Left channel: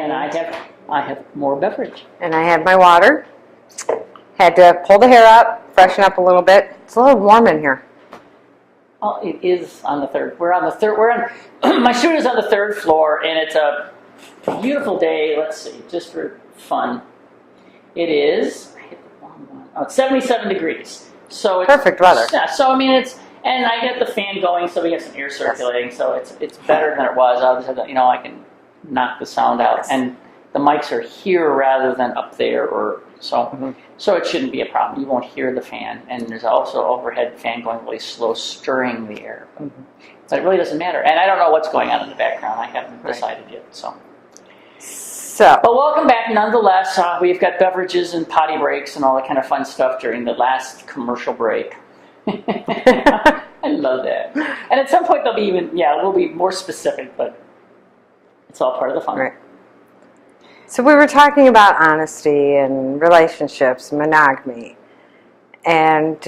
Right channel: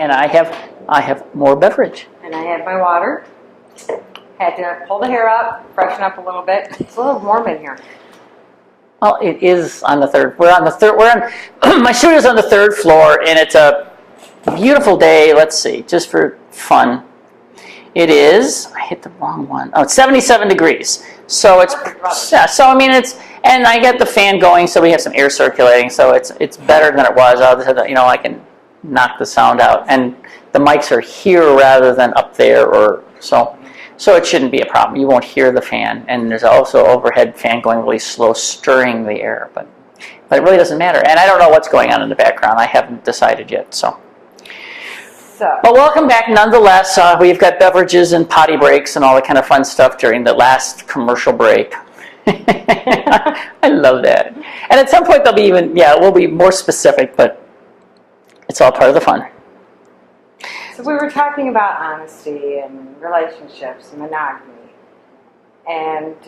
And I have more beverage. And I had my water. Had to pull the hair up, freshen up a little bit. It's a little warm in here. Well, it is on the third. We're on the third. My studio's on the third floor, and it's a beautiful day. Let's see, just for fun. It is. I hit the wrong one. Oh, it's 77 degrees. So it's perfect weather. Yeah. So I mean, and I get the fan going, so we have some air circulating. So it's better than it was. I can knock the sound out, and the mics are here rather than up there, or so. So it shouldn't be a problem. You won't hear the fan, and there's also overhead fan going really slow, stirring the air. But it really doesn't matter. And I don't know what's going on in the background. I haven't decided yet. So. But welcome back nonetheless. We've got beverages and potty breaks and all that kind of fun stuff during the last commercial break. I love that. And at some point we'll be more specific, but it's all part of the fun. Right. So we were talking about honesty and relationships, monogamy. And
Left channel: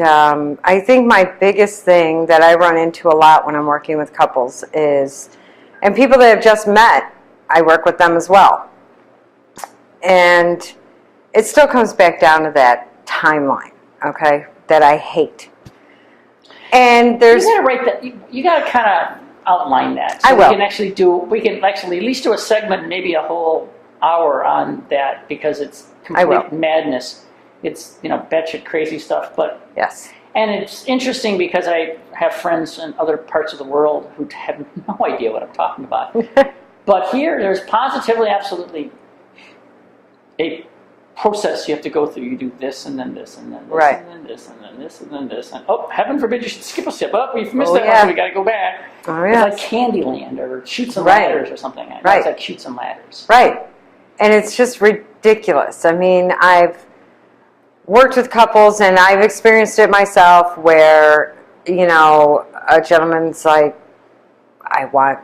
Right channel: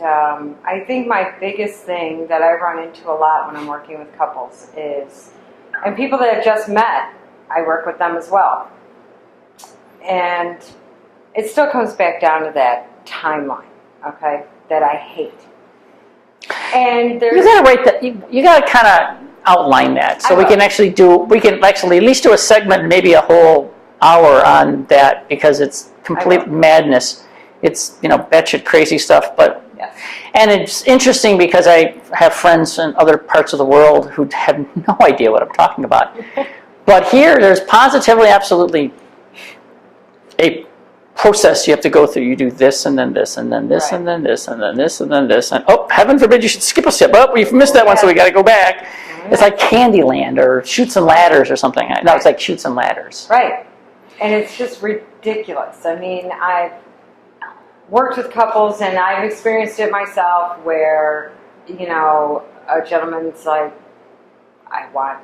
I think my biggest thing that I run into a lot when I'm working with couples is, and people that have just met, I work with them as well. And it still comes back down to that timeline, okay, that I hate. And there's... You gotta write that, you gotta kind of outline that. So we can actually at least do a segment, maybe a whole hour on that, because it's complete madness. It's, batshit crazy stuff, but... Yes. And it's interesting because I have friends in other parts of the world who have no idea what I'm talking about. But here, there's positively, absolutely... a process you have to go through. You do this, and then this, and then this, and then this, and then this, and then this, and heaven forbid you should skip a step. Oh, we've missed that one, so we got to go back. Oh, yes. It's like Candyland or Chutes and Ladders or something. No, it's like Chutes and Ladders. Right. And it's just ridiculous. I mean, I've worked with couples, and I've experienced it myself where, a gentleman's like, I want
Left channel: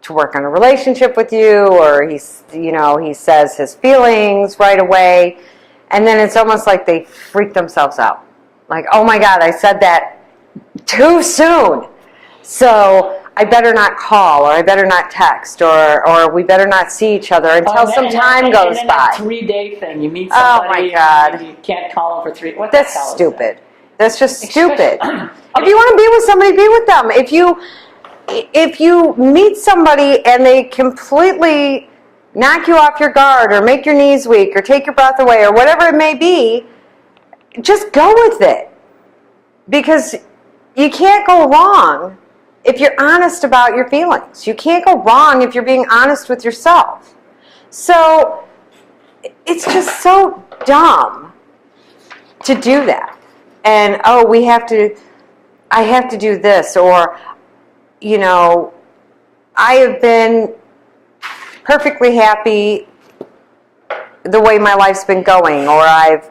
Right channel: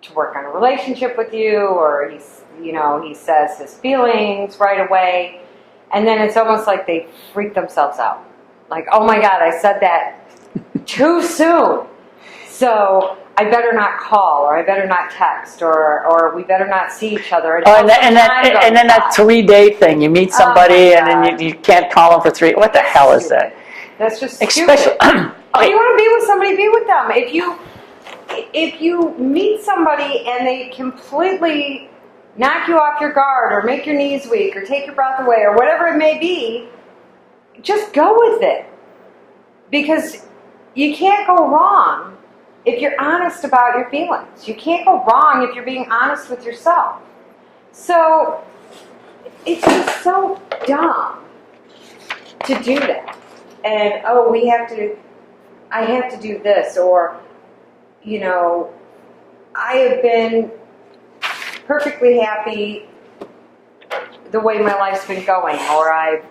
to work on a relationship with you, or he says his feelings right away, and then it's almost like they freak themselves out. Like, oh my God, I said that too soon. So I better not call, or I better not text, or we better not see each other until some time goes by. And then that 3-day thing, you meet somebody and then you can't call them for 3. What the hell is that? That's just stupid. If you want to be with somebody, be with them. If you meet somebody and they completely knock you off your guard, or make your knees weak, or take your breath away, or whatever it may be, just go with it. Because you can't go wrong if you're honest about your feelings. You can't go wrong if you're being honest with yourself. So it's just so dumb to do that. And, I have to do this, or... I have been perfectly happy the way my life's been going, or I've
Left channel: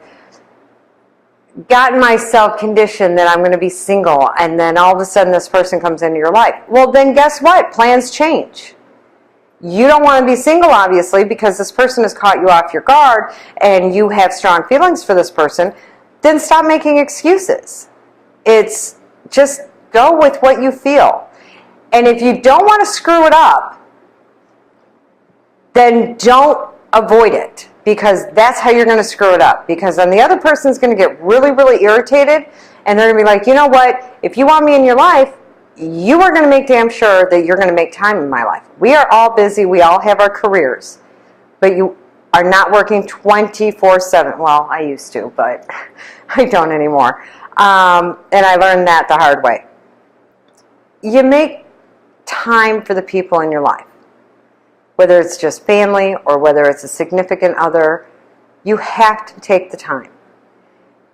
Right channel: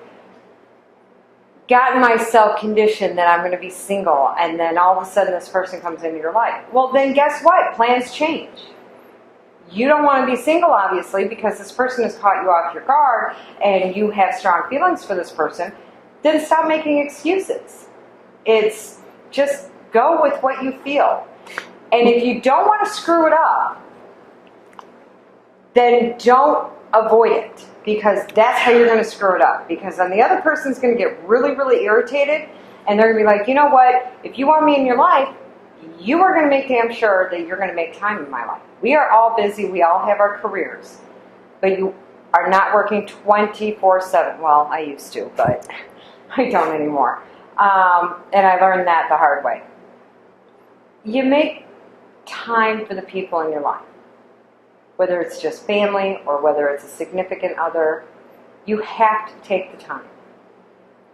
gotten myself conditioned that I'm going to be single, and then all of a sudden this person comes into your life. Well, then guess what? Plans change. You don't want to be single, obviously, because this person has caught you off your guard, and you have strong feelings for this person. Then stop making excuses. It's just go with what you feel. And if you don't want to screw it up, then don't avoid it, because that's how you're going to screw it up. Because then the other person's going to get really, really irritated, and they're going to be like, you know what, if you want me in your life, you are going to make damn sure that you're going to make time in my life. We are all busy. We all have our careers. But you are not working 24/7. Well, I used to, but I don't anymore. And I learned that the hard way. You make time for the people in your life, whether it's just family or whether it's a significant other. You have to take the time,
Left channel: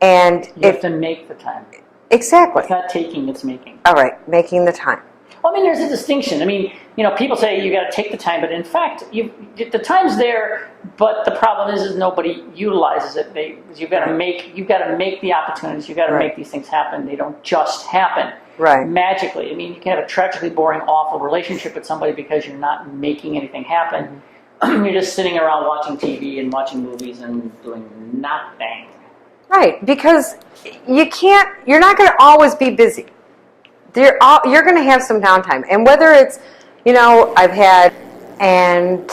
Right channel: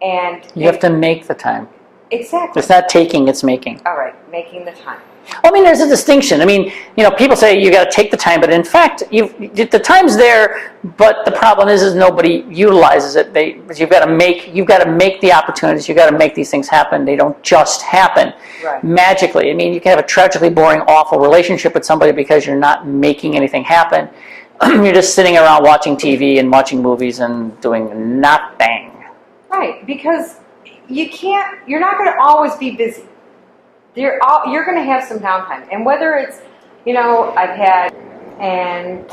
and you have to make the time. Exactly. It's not taking, it's making. All right, making the time. I mean, there's a distinction. I mean, people say you got to take the time, but in fact, the time's there. But the problem is nobody utilizes it. You've got to make the opportunities. You've got to make these things happen. They don't just happen magically. I mean, you can have a tragically boring, awful relationship with somebody because you're not making anything happen. You're just sitting around watching TV and watching movies and doing nothing. Right, because you're not going to always be busy. You're going to have some downtime. And whether it's, I've had, and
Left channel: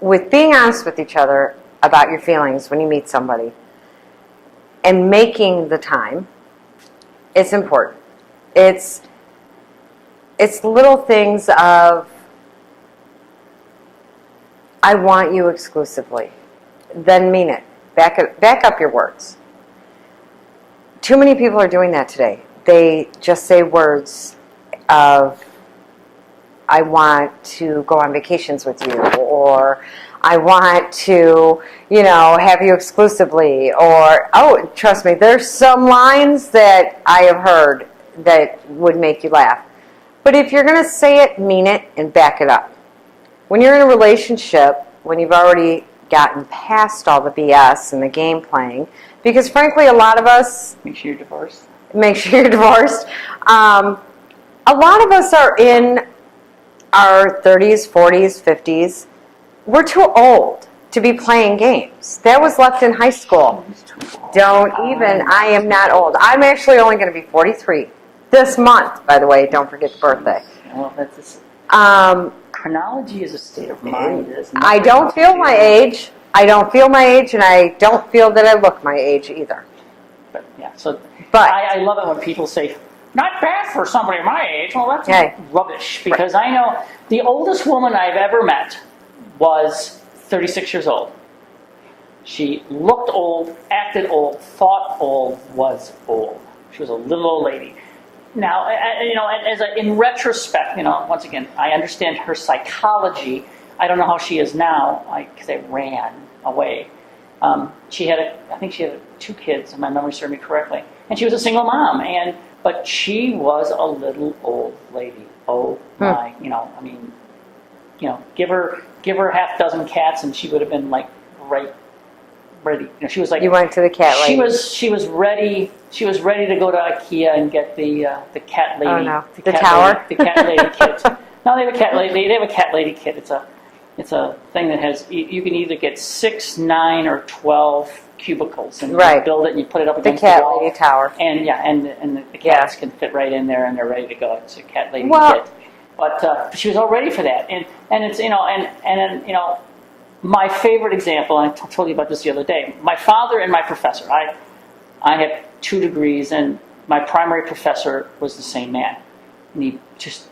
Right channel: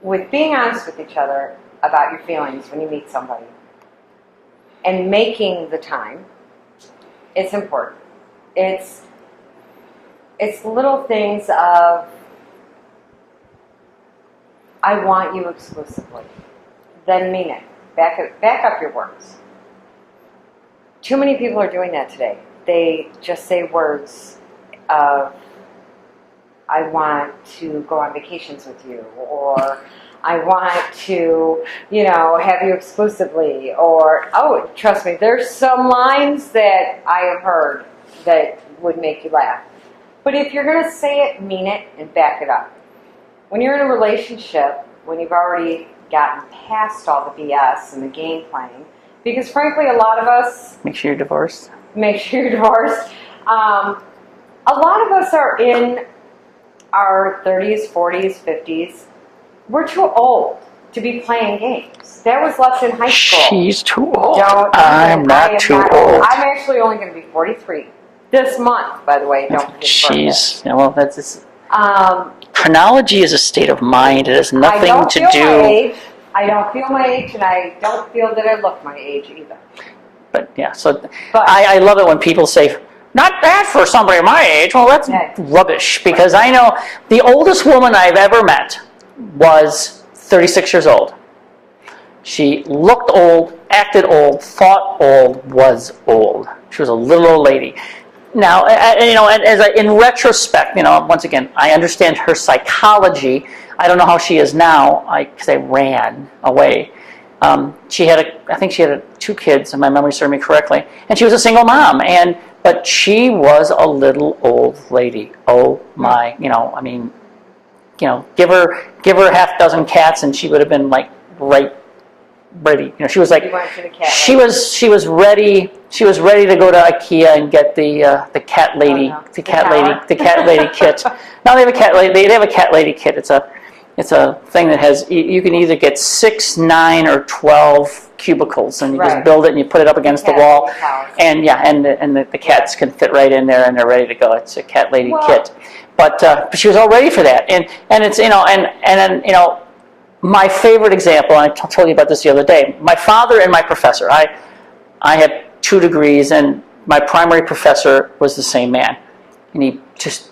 with being honest with each other about your feelings when you meet somebody and making the time, it's important. It's little things of, I want you exclusively. Then mean it. Back up your words. Too many people are doing that today. They just say words of, I want to go on vacations with you, or I want to, have you exclusively, or, oh, trust me, there's some lines that I have heard that would make you laugh. But if you're going to say it, mean it, and back it up. When you're in a relationship, when you've already gotten past all the BS and the game playing, because frankly, a lot of us... Make sure you're divorced. Make sure you're divorced. A lot of us are in our 30s, 40s, 50s. We're too old to be playing games. That was left in high school. She's too old. Don't even. I am not old. I'm actually only going to be 43 this month, by the way. Don't forget your birthday. Yeah, well, that's... chronology is a state of mind. It has nothing to do... I don't feel my age. I don't feel my age, and I don't feel that I look my age either. But yeah, I love it when people say, not bad for somebody my age. Well, that's rubbish, because I know the oldest woman I've ever met was 36 years old. She looked old, acted old, thought old, was old. She was a little old lady. Now, in retrospect, once again, I understand her psychology. I don't know how she is now, because I ran away. I think she had 2 kids, if my memory serves me correctly, and she was a single mom. But she was a little old lady. Oh my, give her half dozen cats, and she would have been like ready. She was like, you went to the cat lady. She was ready. She was ready to go to IKEA and get the cat lady, the cat lady kit. No, they have a cat lady. They have a cat lady kit. It's a thing that has, you can either get 6, 9, or 12 cubicles, and you just build it and you put it up against the wall. Tower. And the cats can fit right in there and they're ready to go. It's a cat lady kit. But she was all ready for that. And it's, then my favorite example, and I told you about this the other day, my father and my professor. I have 2 degrees, and my primary professor was the same man. And he just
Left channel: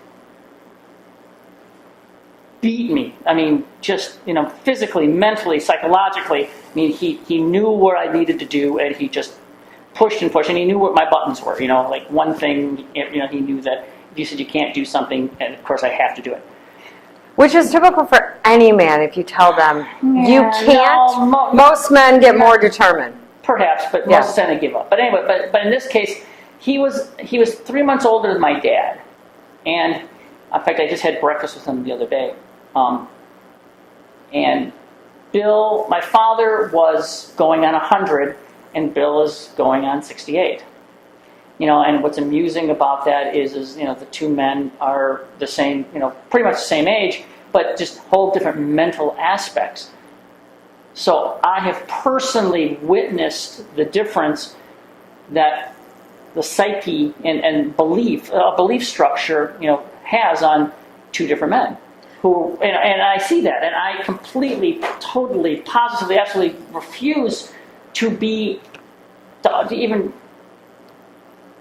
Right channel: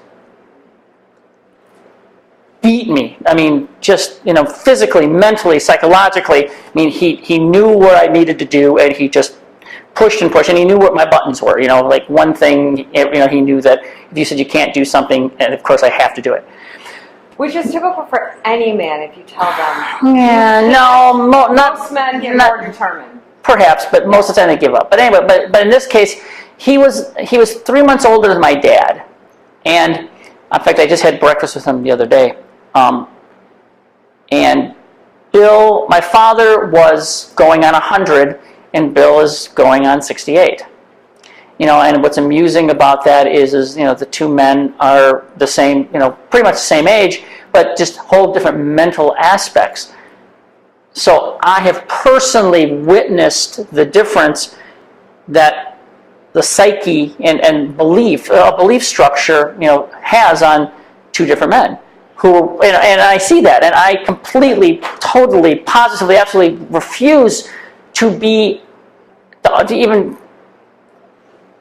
beat me. I mean, just, physically, mentally, psychologically. I mean, he knew what I needed to do, and he just pushed and pushed, and he knew what my buttons were. Like one thing, he knew that if you said you can't do something, and of course I have to do it. Which is typical for any man if you tell them you can't. Most men get more determined. Perhaps, but most of the time they give up. But anyway, but in this case, he was 3 months older than my dad. And in fact, I just had breakfast with him the other day. And Bill, my father was going on 100, and Bill is going on 68. And what's amusing about that is the 2 men are the same, pretty much the same age, but just whole different mental aspects. So I have personally witnessed the difference that the psyche and belief structure, has on 2 different men. And I see that, and I completely, totally, positively, absolutely refuse to even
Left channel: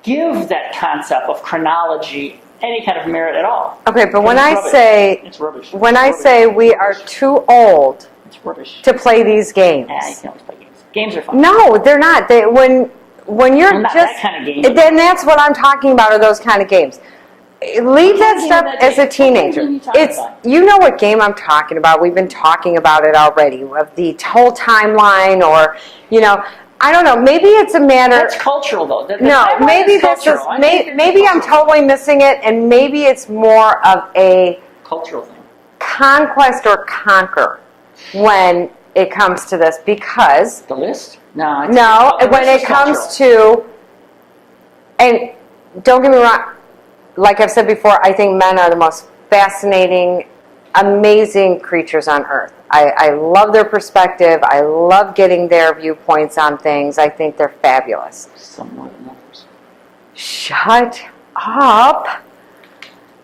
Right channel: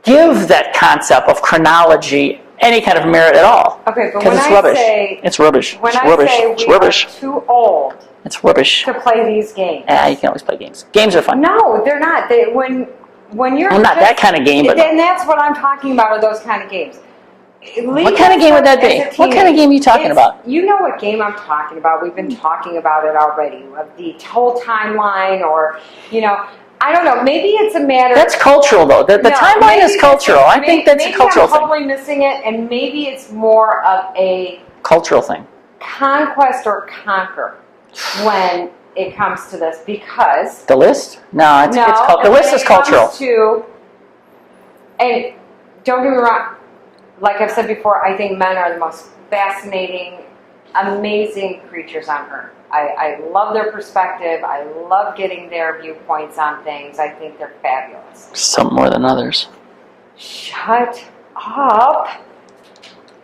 give that concept of chronology any kind of merit at all. Okay, but when I say it's rubbish. When I say we are too old, it's rubbish to play these games. You can always play games. Games are fun. No, they're not. When you're not that kind of game. Then that's what I'm talking about. Are those kind of games? What kind of game is that? What kind of game are you talking about? You know what game I'm talking about. We've been talking about it already. Of the whole timeline, or I don't know. Maybe it's a matter. That's cultural, though. The timeline is cultural. I think that's a cultural I'm totally missing it, and maybe it's more of a cultural thing. Conquest or conquer when it comes to this, because the list. No, the when list is it comes cultural. to, and don't get me wrong. Like I've said before, I think men are the most fascinating, amazing creatures on earth. I love their perspective. I love getting their viewpoints on things. I think they're fabulous. Some more than others. Shut up.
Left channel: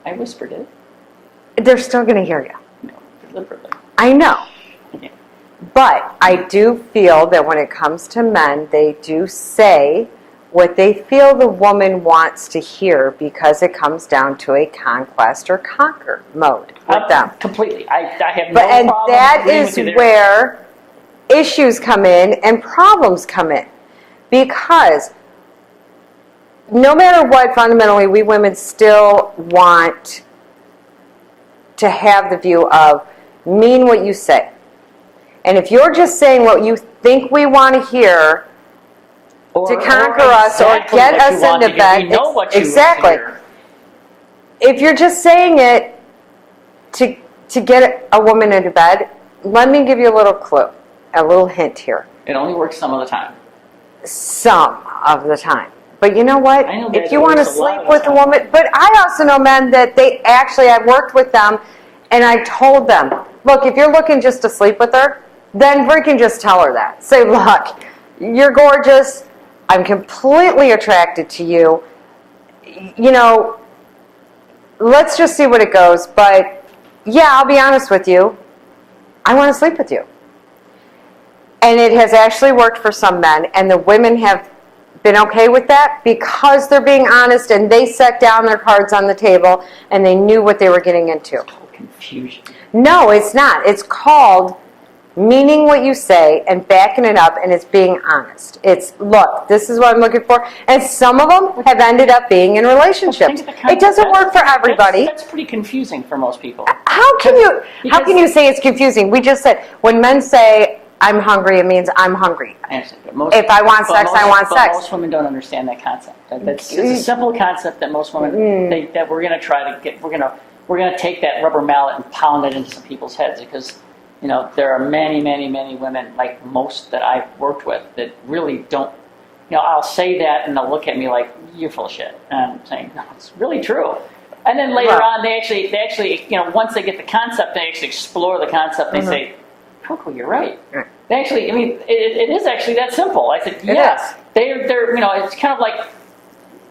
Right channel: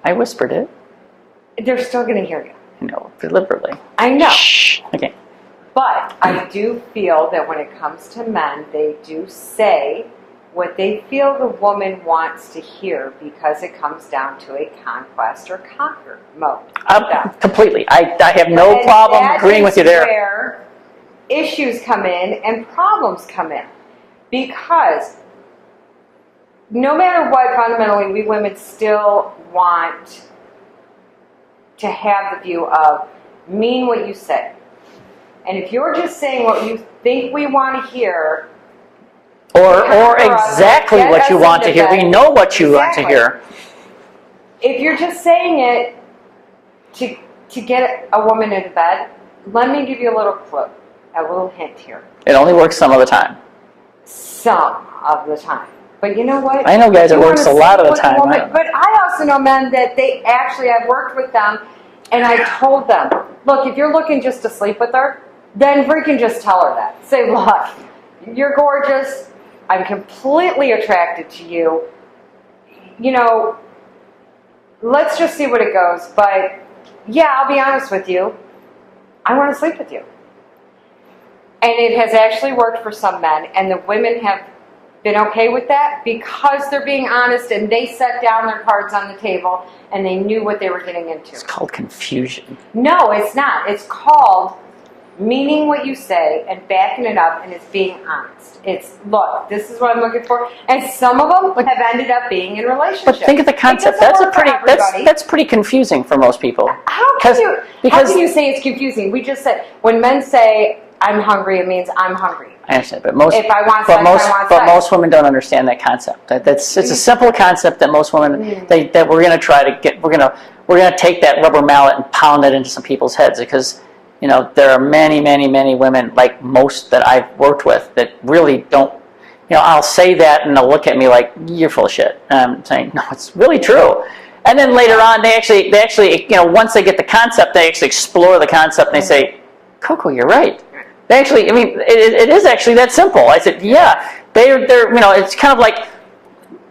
I whispered it. They're still going to hear you. No, deliberately. I know. Shh. Okay. But I do feel that when it comes to men, they do say what they feel the woman wants to hear because it comes down to a conquest or conquer mode with them. Completely. I have no problem agreeing with you there. That is where issues come in and problems come in. Because no matter what, fundamentally, we women still want to have the view of mean what you say. And if you're just saying what you think we want to hear, or exactly what you want to hear, we know what you want to hear. If you're just saying it to get a woman into bed, let me give you a little clue, a little hint here. It only works some of the time. Some of the time. But you know what? I know guys it works a lot of the time. But I also know men that I've worked with them, and I told them, look, if you're looking just to sleep with her, then freaking just tell her that. Say, look, you're gorgeous. I'm completely attracted to you. You know, let's just see what it goes. But yeah, I'll be honest with you. I want to sleep with you. And it has actually worked for some men, and the women have been okay with that because they're being honest and they set down their cards on the table and they knew what they were getting into. It's called confusion. No, it's not. It's called meaning what you say and backing it up, and it's being honest. It's, look, this is what I'm looking for. And some of them have ended up being in relationships. But think of the concept. It doesn't work for everybody. That's pretty confusing for most people. How can you say it's confusing? We just said, when men say, I'm hungry, it means I'm hungry. I understand, but most, if I want sex, I want sex. But most women don't understand that concept. It's a simple concept that most women that we're going to try to get. We're going to take that rubber mallet and pound it into some people's heads, because there are many, many, many women, like most that I've worked with, that really don't. I'll say that and they'll look at me like, you're full of shit. And I'm saying, no, it's really true. And then later on, they actually, once they get the concept, they actually explore the concept and they say, Koko, you're right. They actually, it is actually that simple. I said, yeah, they're, it's kind of like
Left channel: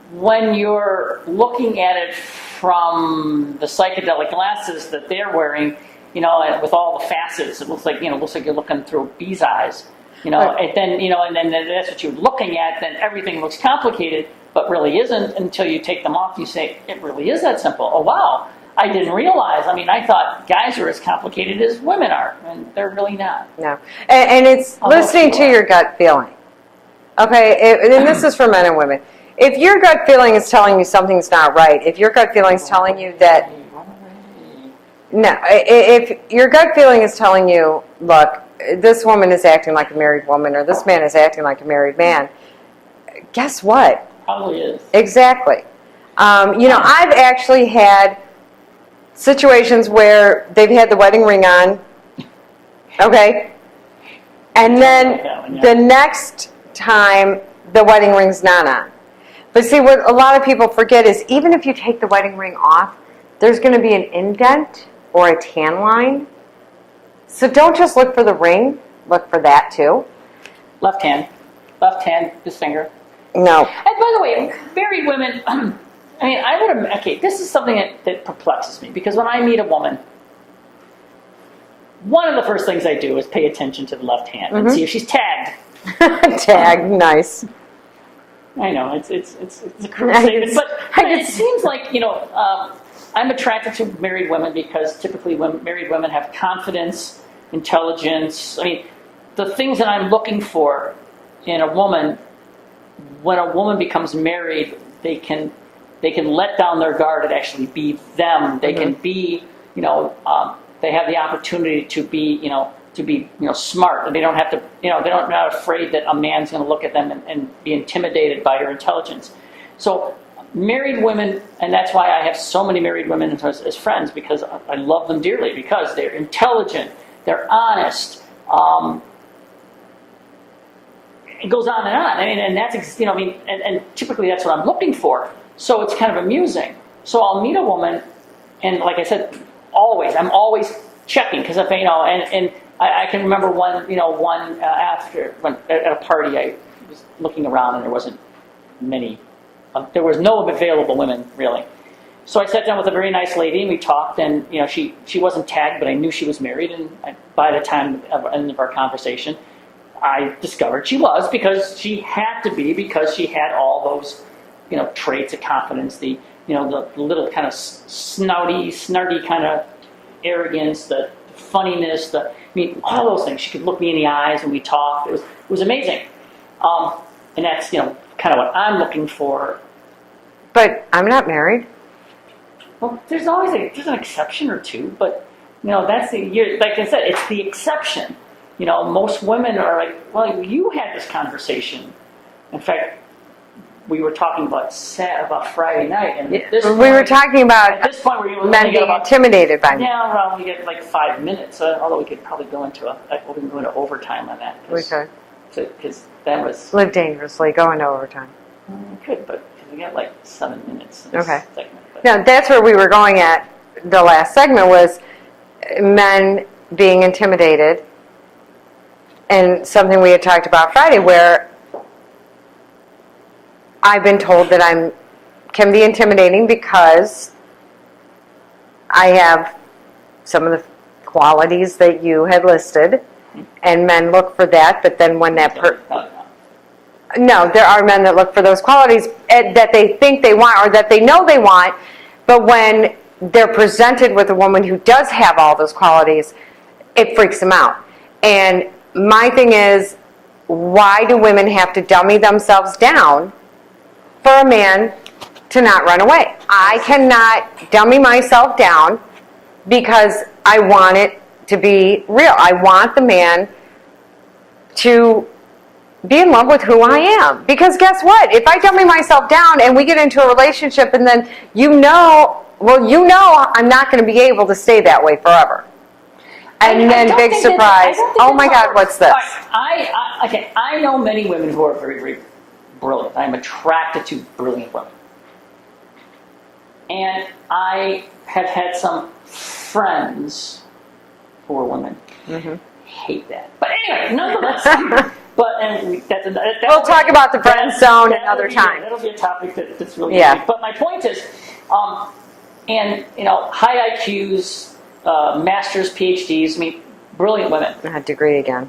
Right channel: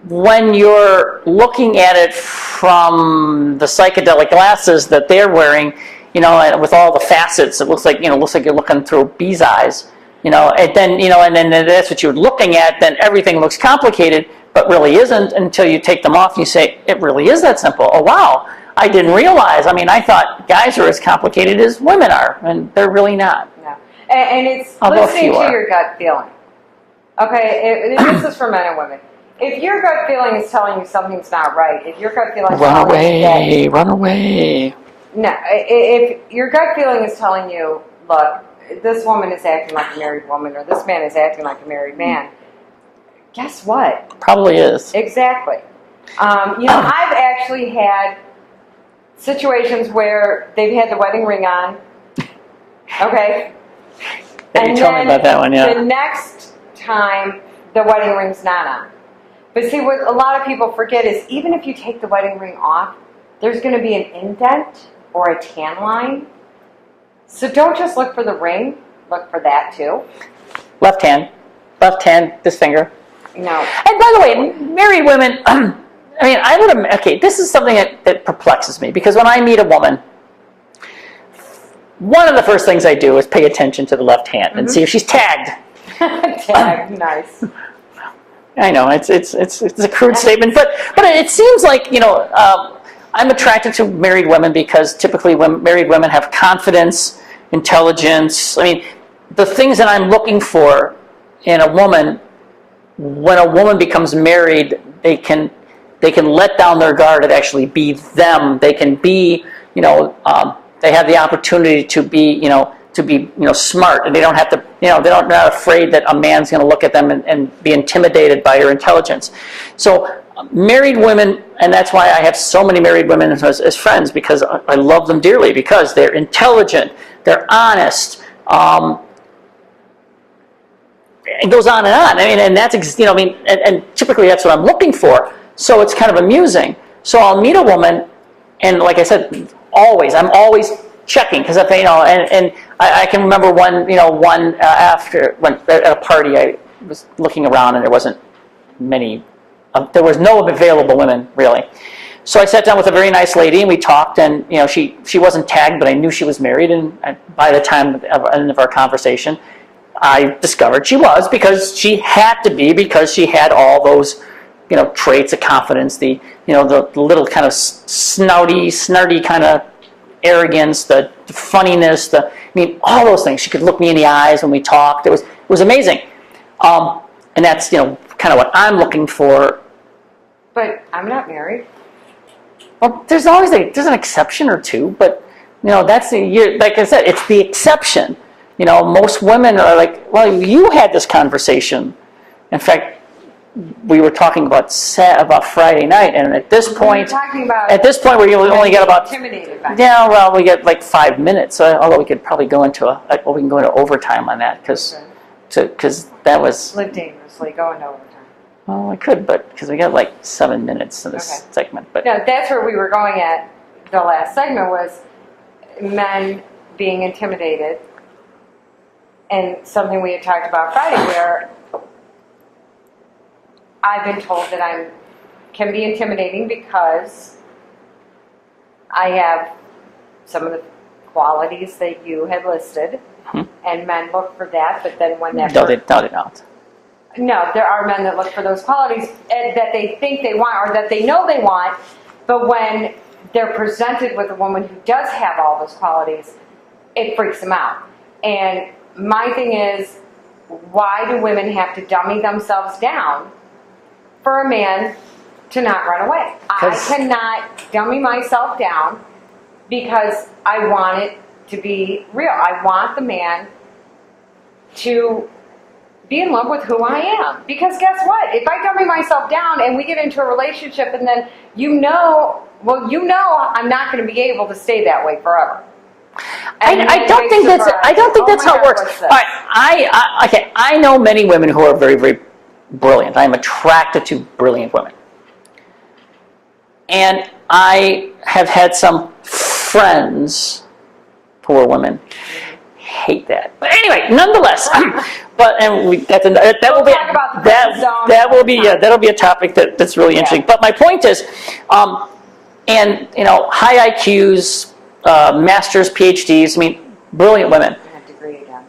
when you're looking at it from the psychedelic glasses that they're wearing, with all the facets, it looks like you're looking through bee's eyes, and then, and then that's what you're looking at, then everything looks complicated, but really isn't until you take them off and you say, it really is that simple. Oh, wow. I didn't realize. I thought guys are as complicated as women are, and they're really not. No. And it's listening to your gut feeling. Okay, and this is for men and women. If your gut feeling is telling you something's not right, if your gut feeling is telling you that... Run away. No, if your gut feeling is telling you, look, this woman is acting like a married woman, or this man is acting like a married man, guess what? Probably is. Exactly. I've actually had situations where they've had the wedding ring on, okay, and then the next time the wedding ring's not on. But see, what a lot of people forget is even if you take the wedding ring off, there's going to be an indent or a tan line. So don't just look for the ring, look for that too. Left hand, this finger. No. And by the way, married women, this is something that perplexes me, because when I meet a woman, one of the first things I do is pay attention to the left hand and see if she's tagged. Tagged, nice. I know, it's a crude statement, but it seems like, I'm attracted to married women because typically married women have confidence, intelligence. The things that I'm looking for in a woman, when a woman becomes married, they can let down their guard and actually be them. They can be, they have the opportunity to be, smart, and they don't have to, they're not afraid that a man's going to look at them and be intimidated by your intelligence. So married women, and that's why I have so many married women as friends, because I love them dearly, because they're intelligent, they're honest. It goes on and on. And that's, and typically that's what I'm looking for. So it's kind of amusing. So I'll meet a woman, and like I said, I'm always checking, because and I can remember one after when at a party I was looking around and there wasn't many, there was no available women really, So I sat down with a very nice lady, and we talked, and she wasn't tagged, but I knew she was married, and by the time of our conversation, I discovered she was, because she had to be, because she had all those traits of confidence, the little kind of snarty kind of arrogance, the funniness, all those things. She could look me in the eyes when we talked. It was amazing. And that's, kind of what I'm looking for. But I'm not married. Well, there's always there's an exception or two, but, that's, like I said, it's the exception. Most women are like, well, you had this conversation. In fact, we were talking about Friday night, and at this point, we were talking about at this point, we only get about intimidated by me. Yeah, well, we get like 5 minutes. Although we could probably go into we can go into overtime on that because that was live dangerously, go into overtime. Well, I could, but because we got like 7 minutes in this segment. But no, that's where we were going at. The last segment was men being intimidated, and something we had talked about Friday, where I've been told that can be intimidating because I have some of the qualities that you had listed, and men look for that. But then when that no, they don't. No, there are men that look for those qualities that they think they want or that they know they want, but when they're presented with a woman who does have all those qualities, it freaks them out. And my thing is, why do women have to dummy themselves down for a man to not run away? I cannot dummy myself down because I want it to be real. I want the man to be in love with who I am. Because guess what? If I dummy myself down and we get into a relationship and then I'm not going to be able to stay that way forever. And I don't think that's how it works. What's this? Right, I know many women who are very, very brilliant. I'm attracted to brilliant women. And I have had some friends who are women. Hate that. But anyway, nonetheless, we'll talk about the friend zone. That'll be a topic that's really interesting. But my point is, high IQs, masters, PhDs, brilliant women. A degree again.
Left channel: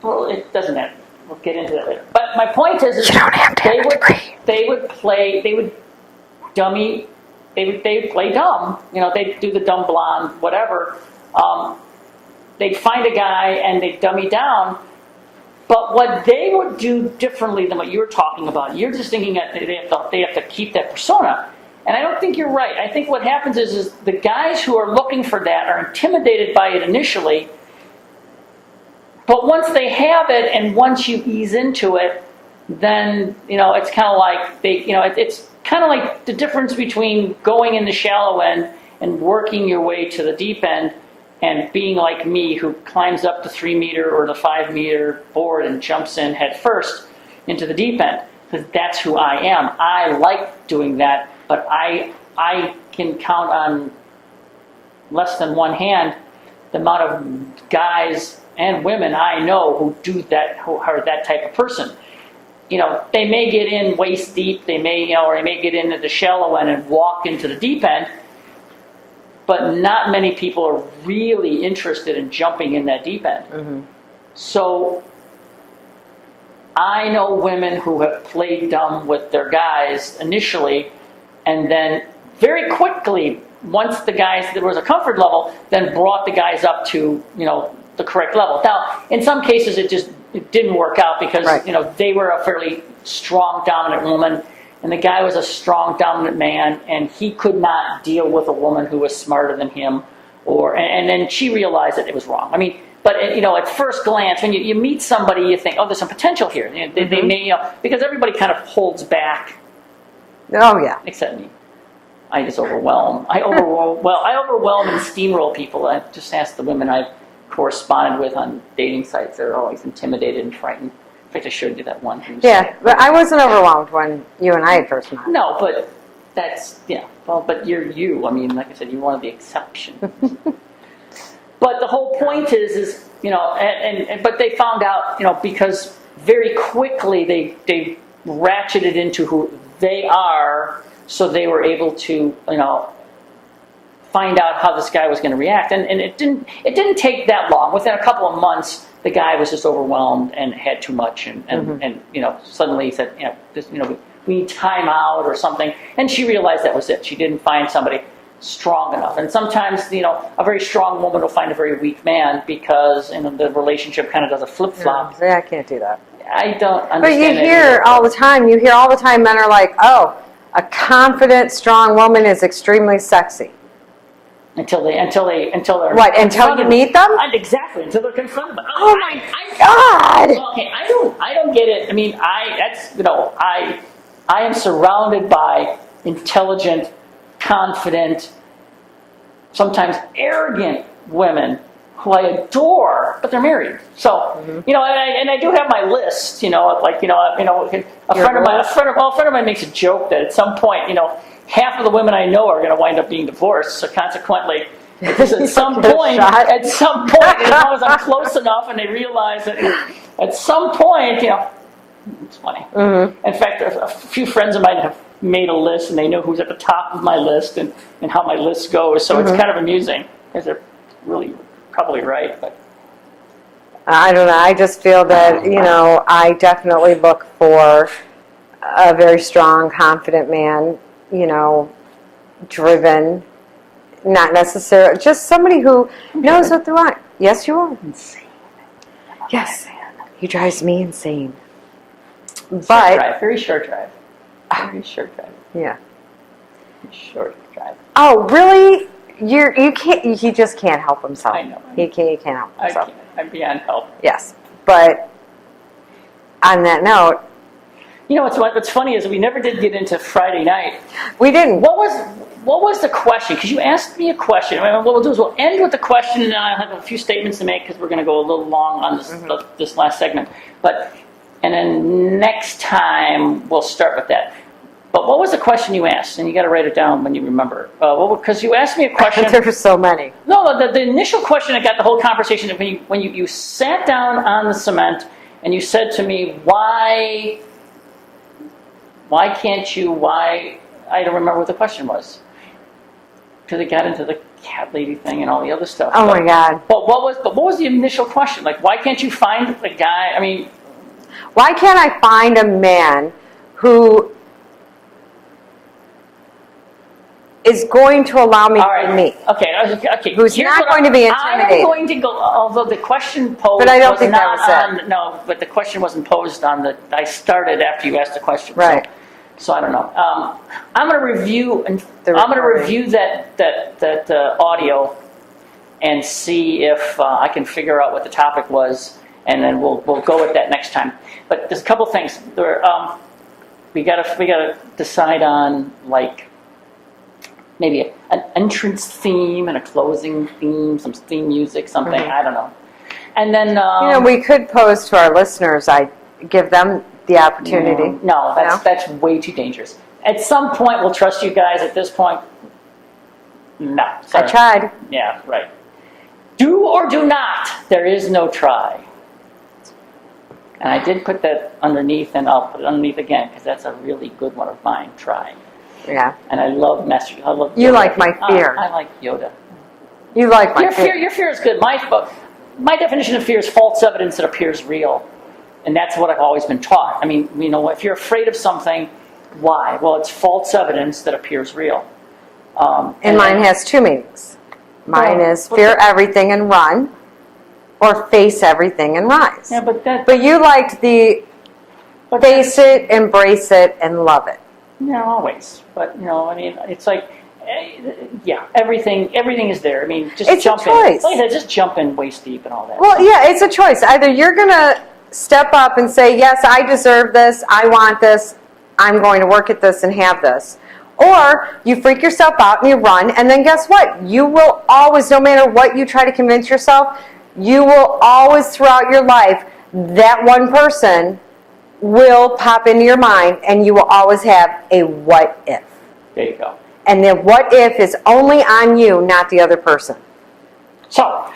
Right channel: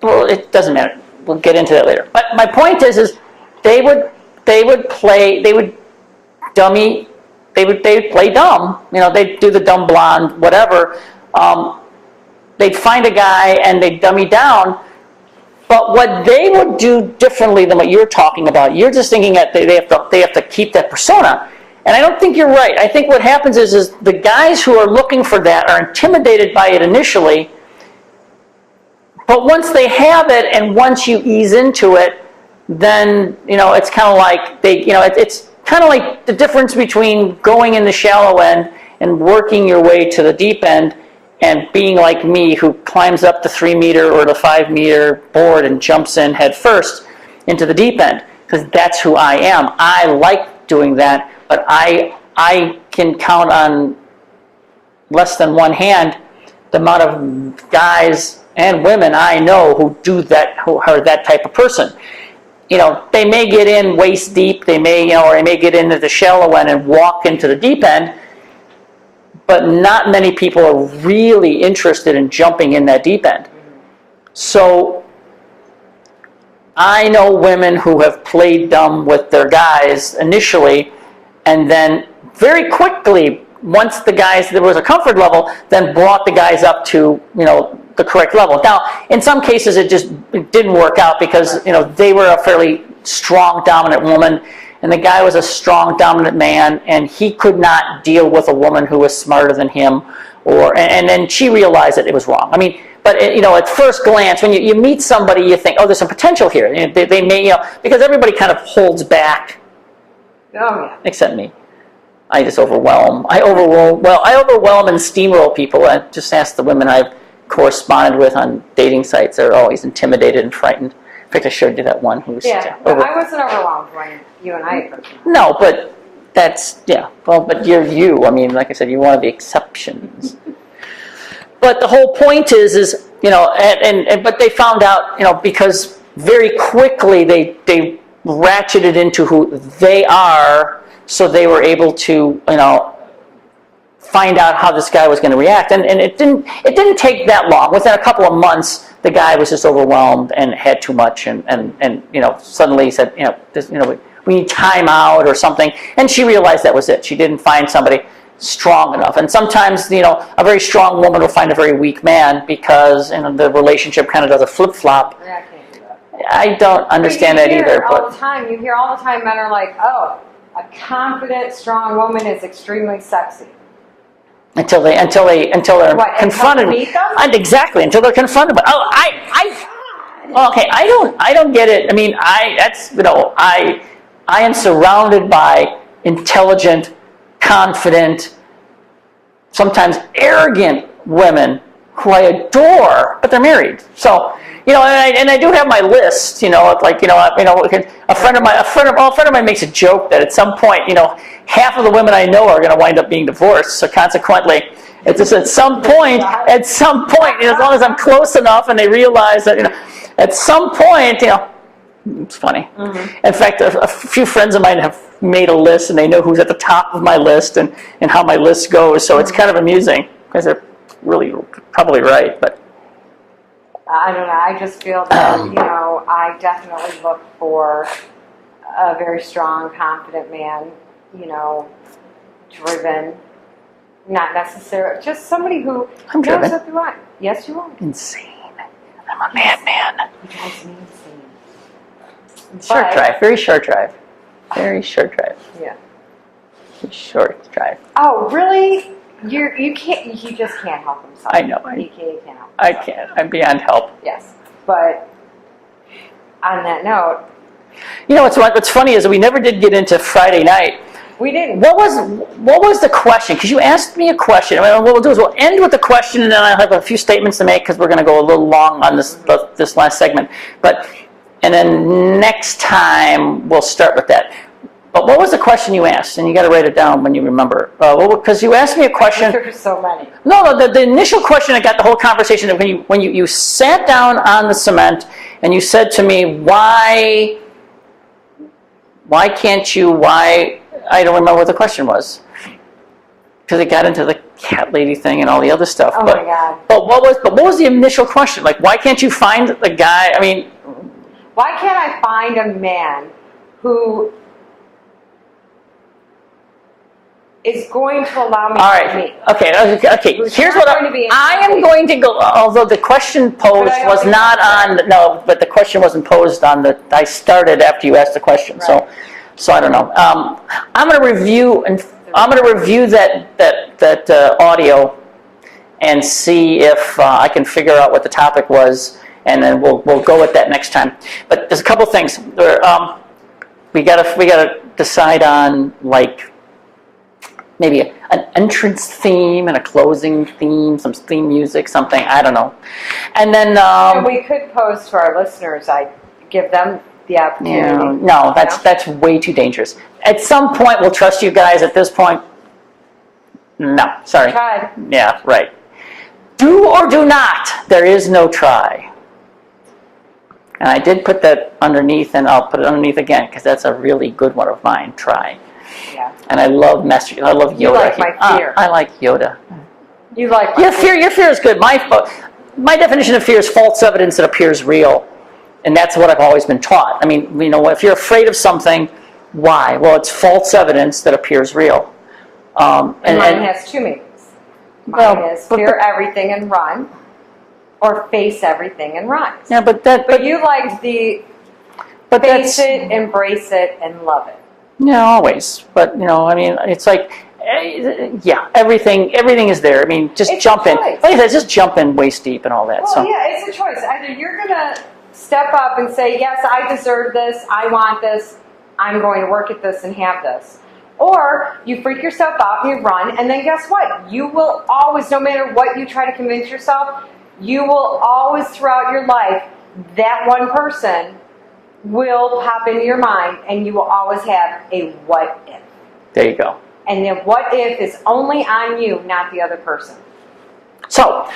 Well, it doesn't matter. We'll get into that later. But my point is you don't have to have a degree. They would play dumb. They'd do the dumb blonde, whatever. They'd find a guy and they'd dummy down. But what they would do differently than what you're talking about, you're just thinking that they have to keep that persona. And I don't think you're right. I think what happens is the guys who are looking for that are intimidated by it initially. But once they have it, and once you ease into it, then it's kind of like it's kind of like the difference between going in the shallow end and working your way to the deep end, and being like me, who climbs up the 3-meter or the 5-meter board and jumps in head first into the deep end, because that's who I am. I like doing that, but I can count on less than one hand the amount of guys and women I know who do that, who are that type of person. They may get in waist deep, or they may get into the shallow end and walk into the deep end, but not many people are really interested in jumping in that deep end. So I know women who have played dumb with their guys initially, and then very quickly, once the guys, there was a comfort level, then brought the guys up to, the correct level. Now, in some cases, it didn't work out because, they were a fairly strong, dominant woman, and the guy was a strong, dominant man, and he could not deal with a woman who was smarter than him, and then she realized that it was wrong. But at first glance, when you meet somebody, you think, oh, there's some potential here. They may, because everybody kind of holds back. Oh yeah. Except me. I just overwhelm. I overwhelm and steamroll people. I just ask the women I've corresponded with on dating sites. They're always intimidated and frightened. In fact, I showed you that one who's... but I wasn't overwhelmed when you and I had first met. No, but that's... Yeah. Well, but you're you. Like I said, you're one of the exceptions. But the whole point is but they found out, because very quickly they ratcheted into who they are, so they were able to, find out how this guy was going to react. And it didn't take that long. Within a couple of months, the guy was just overwhelmed and had too much, and suddenly he said, we need time out or something. And she realized that was it. She didn't find somebody strong enough. And sometimes, a very strong woman will find a very weak man because the relationship kind of does a flip-flop. Yeah, I can't do that. I don't understand that either. But you hear all the time men are like, oh, a confident, strong woman is extremely sexy. Until they're what? Until you meet them? Exactly. Until they're confronted. But God. Okay, I don't get it. I mean, I am surrounded by intelligent, confident, sometimes arrogant women who I adore, but they're married. So, and I do have my list. A friend of mine makes a joke that at some point, half of the women I know are going to wind up being divorced. So consequently, it's just at some point, as long as I'm close enough, and they realize that, at some point, it's funny. Mm-hmm. In fact, a few friends of mine have made a list, and they know who's at the top of my list and how my list goes. So it's kind of amusing because they're really probably right. But I don't know. I just feel that, I definitely look for a very strong, confident man, driven, not necessarily, just somebody who knows what they want. Yes, you are. Insane. I'm a madman. He drives me insane. Very short drive. Very short drive. Yeah. Short drive. Oh, really? You can't. He just can't help himself. I know. He can't help himself. I can't. I'm beyond help. Yes, but on that note, what's funny is we never did get into Friday night. We didn't. What was the question? Because you asked me a question. What we'll do is we'll end with the question, and then I'll have a few statements to make because we're going to go a little long on this this last segment. And then next time we'll start with that. But what was the question you asked? And you got to write it down when you remember. Because you asked me a question. There were so many. No, the initial question that got the whole conversation, when you sat down on the cement and you said to me, why can't you, I don't remember what the question was. Because it got into the cat lady thing and all the other stuff. Oh my God. But what was the initial question? Like, why can't you find a guy, why can't I find a man who is going to allow me to meet? Okay. Who's Here's not going to be I am going to go. Although the question posed was not on. No, but the question wasn't posed on the. I started after you asked the question. Right. So I don't know. I'm going to review that audio and see if I can figure out what the topic was, and then we'll go with that next time. But there's a couple things. We gotta decide on maybe an entrance theme and a closing theme, some theme music, something, I don't know. And then we could pose to our listeners. I give them the opportunity. No, that's way too dangerous. At some point, we'll trust you guys. At this point, no. Sorry. I tried. Yeah, right. Do or do not. There is no try. And I did put that underneath, and I'll put it underneath again because that's a really good one of mine. Try. Yeah. And I love messaging. I love Yoda. You like my fear. I like Yoda. You like my fear. Your fear is good. My definition of fear is false evidence that appears real. And that's what I've always been taught. If you're afraid of something, why? Well, it's false evidence that appears real. And mine has two meanings. Mine is fear everything and run, or face everything and rise. Yeah, but you liked the face it, embrace it, and love it. Yeah, always. But it's like, everything is there. Just jump in. Like I said, just jump in waist deep and all that. Well, yeah, it's a choice. Either you're gonna step up and say, yes, I deserve this, I want this, I'm going to work at this and have this. Or you freak yourself out and you run, and then guess what? You will always, no matter what you try to convince yourself, you will always throughout your life, that one person will pop into your mind, and you will always have a what if. There you go. And the what if is only on you, not the other person. So,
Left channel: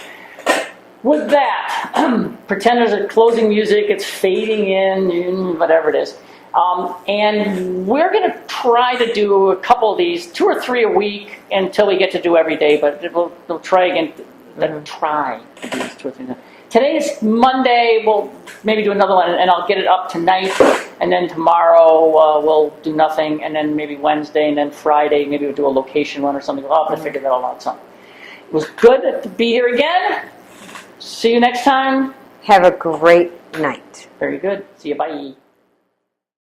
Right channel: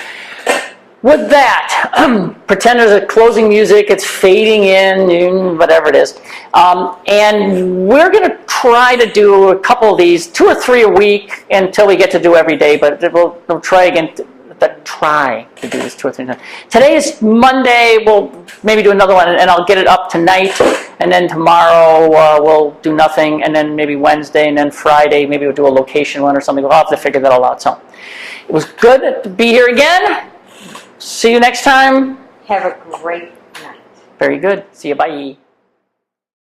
with that, pretend there's a closing music, it's fading in, whatever it is. And we're going to try to do a couple of these, 2 or 3 a week until we get to do every day, but we'll try again. Try to do this 2 or 3 times. Today is Monday, we'll maybe do another one, and I'll get it up tonight, and then tomorrow we'll do nothing, and then maybe Wednesday, and then Friday, maybe we'll do a location one or something. We'll have to figure that all out. So it was good to be here again. See you next time. Have a great night. Very good. See you. Bye.